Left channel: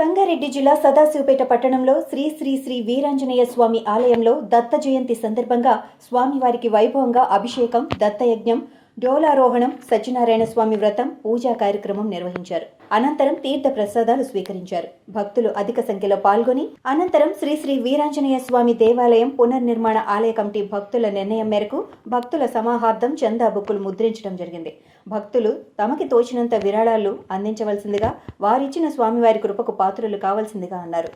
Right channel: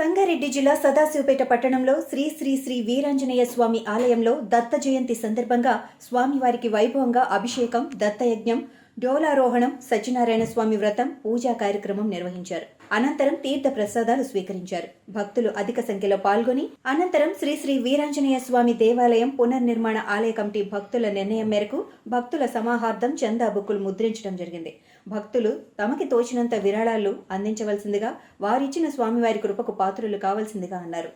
సంగారెడ్డి జిల్లా సదాశివపేట పట్టణంలో శ్రీ శ్రీ శ్రీ వీరాంజనేయ స్వామి ఆలయంలో దత్త జయంతి సందర్భంగా స్వామివారికి వైభవంగా అభిషేకం, దత్తయజ్ఞం, డోలారోహణం, సత్యనారాయణ స్వామి వ్రతం, పూజా కార్యక్రమం నిర్వహించారు. అనంతరం తీర్థ ప్రసాదాలు స్వీకరించారు. భక్తులు అధిక సంఖ్యలో పాల్గొని అనంతరం శ్రీ శ్రీ వీరాంజనేయ స్వామి దేవాలయం పునర్నిర్మాణ ఆలయ కమిటీ భక్తుల నిర్ణయం మేరకు భక్తుల సమాహార్థం చందా బుక్కులు ముద్రించడం జరిగింది. భక్తులు తమకి తోచినంత విరాళాలు అందించవలసిందిగా, వారిచ్చిన స్వామివారి కృపకు పాత్రులు కావాల్సిందిగా అన్నారు.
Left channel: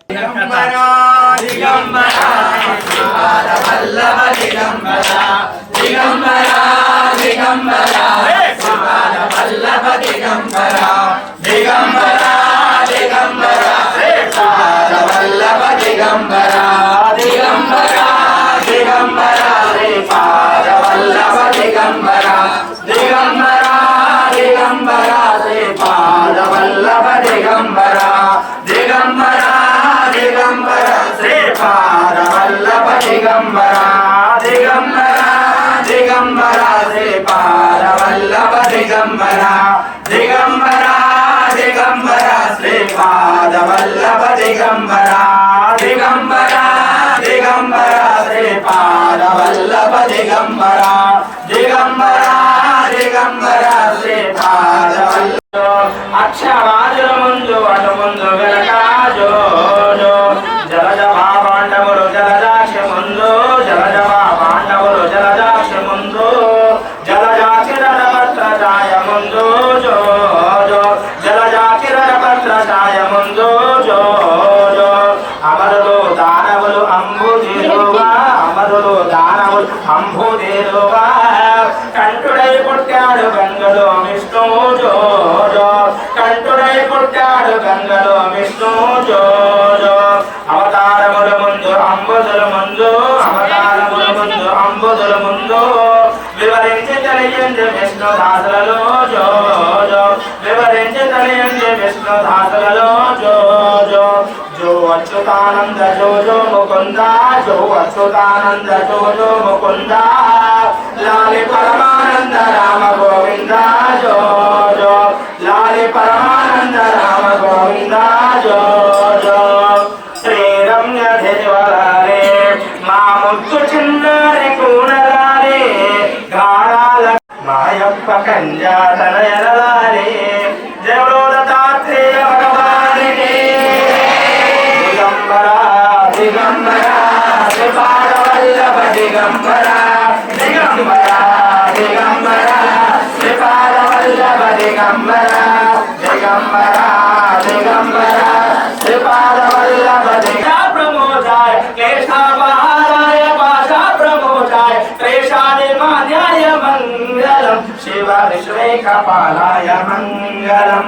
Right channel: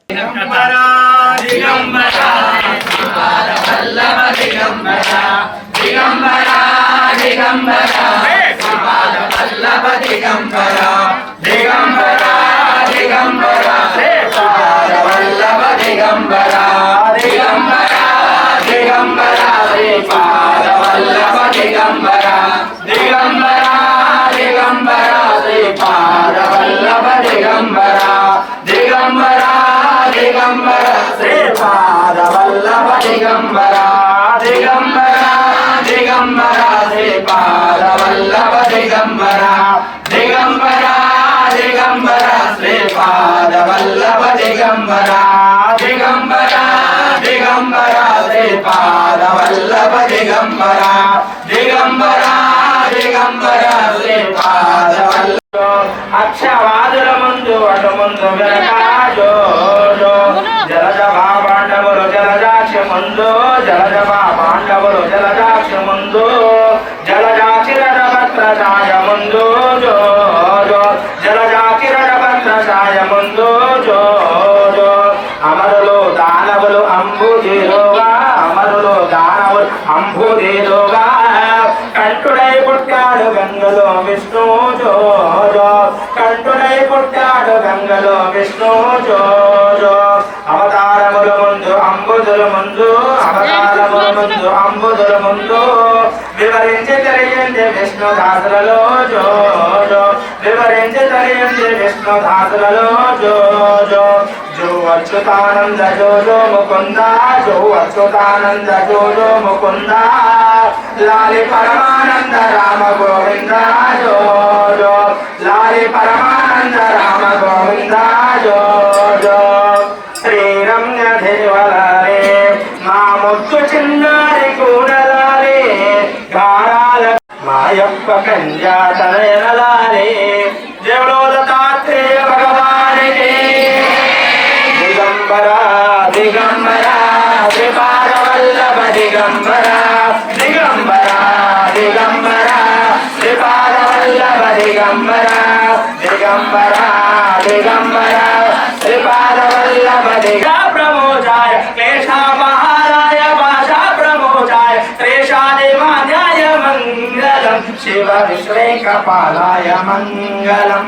అక్షవాదుల ముందు అడుముందు వెనకాజో జలజ పాండవులు జలజాక్షి ముందు జలజ పాండవులు జలజాక్షి ముందు జలజాకిరణ భద్రజాయ ముందు జో జలజాకిరణ భద్రజాయ ముందు జో అమరులు దానవులు అంబుదేలువా అమరులు దానవులు అంబుదేలువా కంఠుడై పుట్టాడు గంగలో విష్ణు జో కంఠుడై పుట్టాడు గంగలో విష్ణు జో అవతారముల ముందు అంబుదుల ముందు అవతారముల ముందు అంబుదుల ముందు వివరించి తెలియంది విష్ణుదాసులలో జో వివరించి తెలియంది విష్ణుదాసులలో జో జో అచ్యుతానంద జో జో ముకుంద జో అచ్యుతానంద జో జో ముకుంద లాలి పరమానంద రామ గోవింద జో లాలి పరమానంద రామ గోవింద జో శ్రీరంగ దేవరాలే మా ముద్దు చిన్నారి కూడలాలే గారాల మాయప్ప కంజాతనయలాలే జయలో దత్తాత్రేయ భగవానికి దిగంబర దిగంబర శ్రీపాద వల్లభ దిగంబర దిగంబర దిగంబర శ్రీపాద వల్లభ దిగంబర దిగంబర దిగంబర శ్రీపాద వల్లభ ప్రమోదాయ క్లేశాపహారాయ భాషా ప్రమోదాయ త్రేషాది మాన్యాయ మంగళం శివ విశ్వేకపాలాయ మంగళం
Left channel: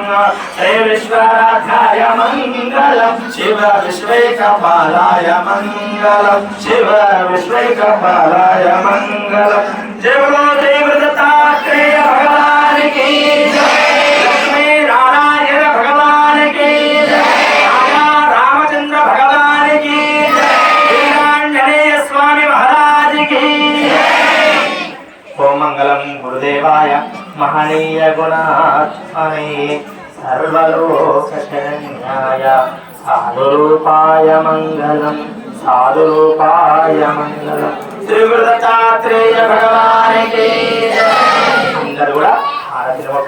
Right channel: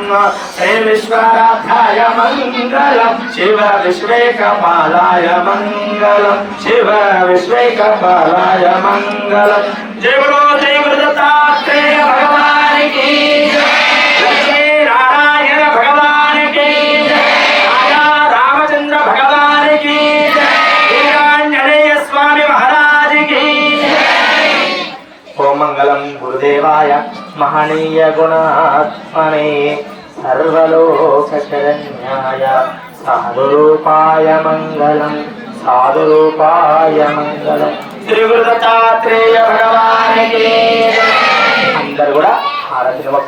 శ్రీ విశ్వరాధ్యాయ మంగళం శివ విశ్వేకపాలాయ మంగళం శివ విశ్వేకపాలాయ మంగళం జయ బలో జయ గురు దత్తాత్రేయ భగవానికి లక్ష్మీ నారాయణ భగవానికి రాజా రామచంద్ర భగవానికి వీరాంజనేయ స్వామి మహారాజుకి. ఓం మంగళం గురుదేవాయ మహనీయ గుణాత్మనే సర్వలోక శరణ్యాయ సాధురూపాయ మంగళం సాధురూపాయ మంగళం శ్రీ గురు దత్తాత్రేయ భగవానికి. అందరూ కూడా